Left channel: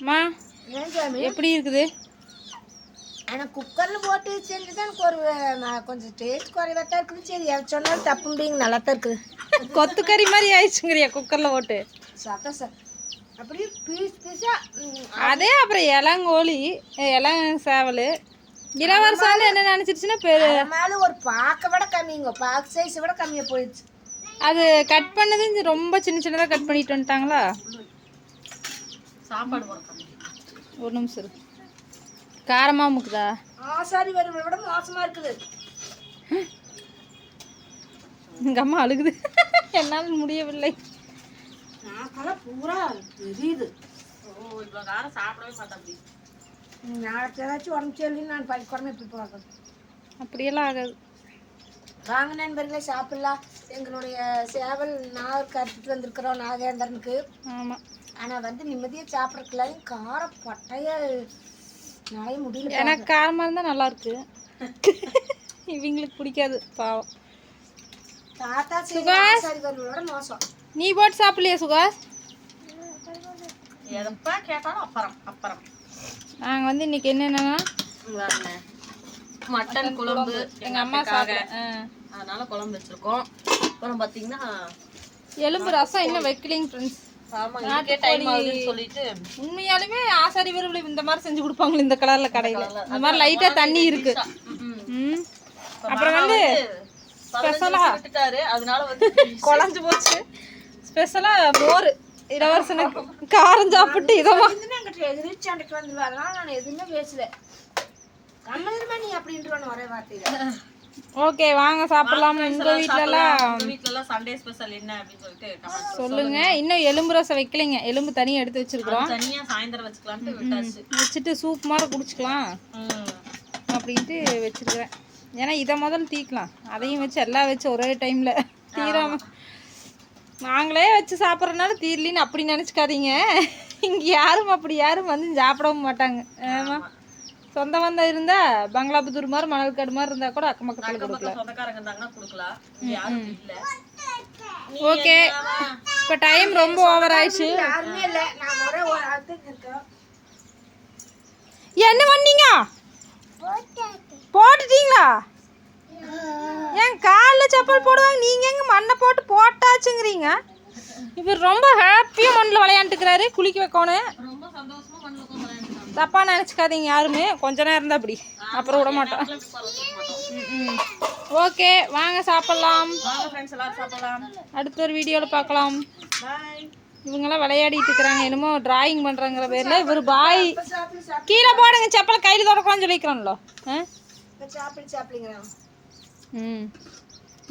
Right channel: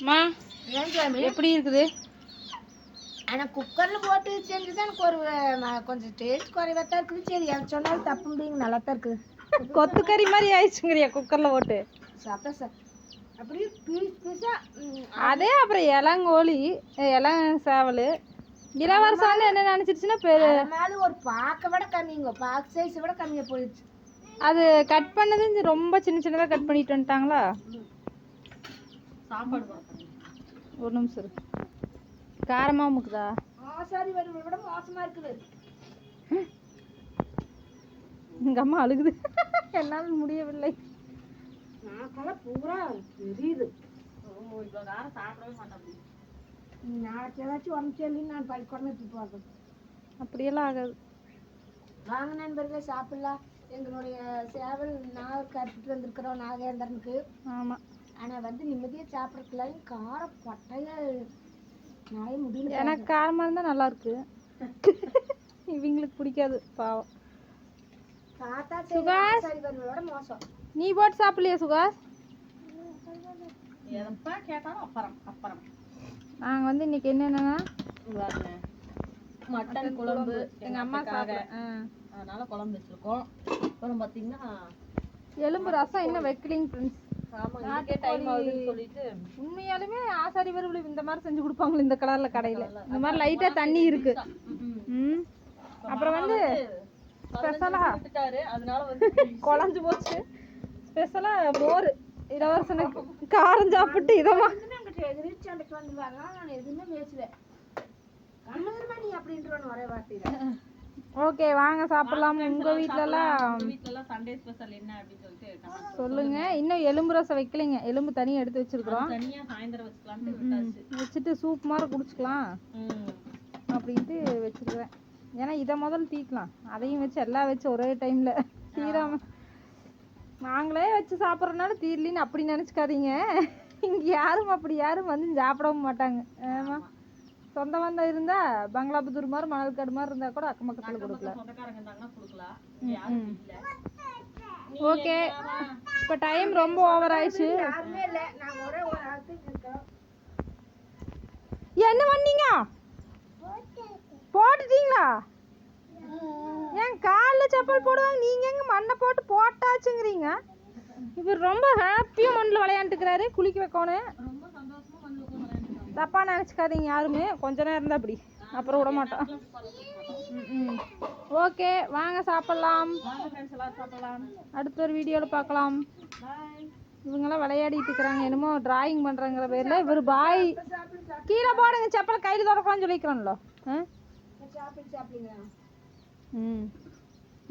அம்மா எப்படி இருக்குது? ஆனால் குக்கரில் போட்டு செஞ்சு தான் எனக்கு ஒரு கொஞ்சம் டேஸ்ட் குறைவாக தான் இருக்குது. சரி எனக்கு சொன்னாலும் தப்பு முடியுங்க, நல்லா தான் இருக்குது. கொத்துக்கறி மாதிரி ஆயிடுச்சுங்கிறியா குக்கரில் போட்டு? சாப்பிட்டா சார் அப்படியே பீஸ் பீஸாக. அதே அப்புறம் இளங்கோழி இளஞ்சேவல் இளவரசன் என்ன நினச்சிருச்சுன்னா மேலே ஒரு பாக்கை விட கம்மிங்க, பாக்கு சைஸை விட கம்மியாக போயிடுச்சு. அது கட் பண்ணது ரொம்ப சின்ன சின்னதாக கட் பண்ணிட்டு வந்துட்டாங்களா? சாப்பாடு ஒரு நிமிஷம் இருக்கு. காரமாக முக்குதா? ஆசாரி வறுவலை விட மோசமாக இருக்குது. எங்கள் அம்மா அழுகுது, என்னால் முடியவில்லை. நாக்கெல்லாம் பூரா தெரியுது. ஓ இவ்வளோ காரம் சாப்பிடவே மாட்டேன். அப்படி நாளைக்கு ஏதாச்சும் உடம்பு சொல்லி நான் பள்ளிக்கூடமே இப்படி பார்க்கணும். அப்படியெல்லாம் ஆகாது. வாங்க நண்பர்களே சாப்பிடலாம். எங்களுடைய சேவல் நாகருக்கு அறுத்துட்டு வந்திருக்கிறோம் நாகேந்திரனுக்கு. ஆமாம், ஆனால் வந்து நிம்மதியாக சாப்பிட்றதுக்குலாம் காரம் பட்டையாக நாய முடியல. எனக்கு காரமாக இருந்தால் நல்லாயிருக்கு, இவங்களுக்கு பிடிக்காது பாவம். தாத்தா சுகாஷ் சரிகளோட மோசம். நீ போட்டு சாப்பிடலையா சுகாஷ்? எதப்பா கேட்டாலும் அப்புறம் அப்புறம். நாங்கள் வந்து இன்னைக்கு என்னென்னா மட்டன் குழம்பு எங்கள் அம்மா சாப்பிட, அதனால குழம்பு வச்சிருக்கோம். அப்புறம் பார்த்தீங்கன்னா எலும்பு ரசம் இன்னும் வைக்கலிங்க ஃப்ரெண்ட்ஸ். சொல்லிட்டு உண்மையாலுமே ஆசாரி வறுவலை இந்த மாதிரி செஞ்சு கொடுப்பாங்க இந்த கலர்ல கடையில். இந்த மாதிரி லைட்டா தண்ணி இருக்கு. அப்புறம் வந்து ஸ்பெஷலா விட்டுட்டாரு, அதனால வந்து குழஞ்சு போச்சு. ஸ்பெஷலா மோர் இளவரசனுக்கு காரம் சாப்பிட்டு இதமா எதிர்ச்சாண்டைக்கு வந்து வரலாம். நான் எதுவுமே பேசல, கம்மலுமே நீ அப்படின்ட்டு ஒரே வார்த்தையில. ஓகே வாங்க சாப்பிடலாம். உங்க வீட்லலாம் சண்டே ஸ்பெஷல் என்ன அப்படின்னு சொல்லிட்டு சொல்லுங்க. இன்னும் எலும்பு ரசம் வைக்கலைங்க, எலும்பு தனியாக எடுத்து வச்சிருக்கிறோம். தனியா சாயந்தரம் வச்சுக்கலாம்னு விட்டாச்சு. வச்சுட்டு சூப் மாதிரி குடிச்சுக்கலாம் அப்படின்ட்டு வச்சிருக்கிறேன். ஏன்னா இதை முதல்ல தீக்கலாம், அதையும் வச்சு எல்லாம் வச்சு ஒரே டைம்ல தீராம நாங்களே வச்சு சாப்பிட்றதுனால தீரலின்னு அப்படி நினச்சிக்காதீங்க. இங்கே யாரும் வந்து சாப்பிடவும் மாட்டாங்க. ஆமாம், சொந்த வந்தம் இருந்தா பங்களாபுத்தூர் மாதிரி மணல்காடு மாதிரி இருந்தா கூட அக்கம் பக்கத்தில் கொடுக்கலாம், சொந்தக்காரங்க இருந்தாங்கன்னா கொடுக்கலாம். யாரும் இல்ல. ஓகே, இப்போ டைம் ரொம்ப ஓவர் ஆயிடுச்சு. என்ன பண்ணீங்க? போட்டுட்டீங்களா? ஏன் காலில் செப்பல் போடுவாங்க, நீங்கள் எங்கே மண்ணை போட்டு போட்டாச்சுங்கிறீங்க? இவர் ரொம்ப ஹாப்பியாக மண்ணில் விளையாண்டுக்கிறாரு. குளிக்க வைக்கணும், ரொம்ப சந்தோஷமா பண்ணலாம். தப்பாக நினச்சிக்காதீங்க யாருமே. கொஞ்ச நேரம் இருந்தால் அப்படி, அப்புறம் விட மாட்டோம். ஓகே வாங்க சாப்பிட்லாம். அடுத்த ஒரு வீடியோவில் பார்க்கலாம். இவங்கெல்லாம் விளையாடிட்டு இருக்கிறாங்க, என்னமோ டிராயிங் பண்ணுறங்கிற பேரில். இவர் பாய் கீழே போடுங்க, செப்பல் கையில் தொடக்கலாம்னு சொல்லிக்கிறோம்ல.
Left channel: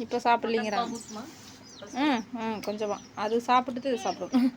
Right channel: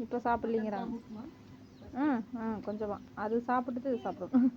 இப்போ சாப்பிட்லிங்கிறாங்க. கொஞ்சமா அது சாப்பிட்டுட்டு இது சாப்பிடுவோம்.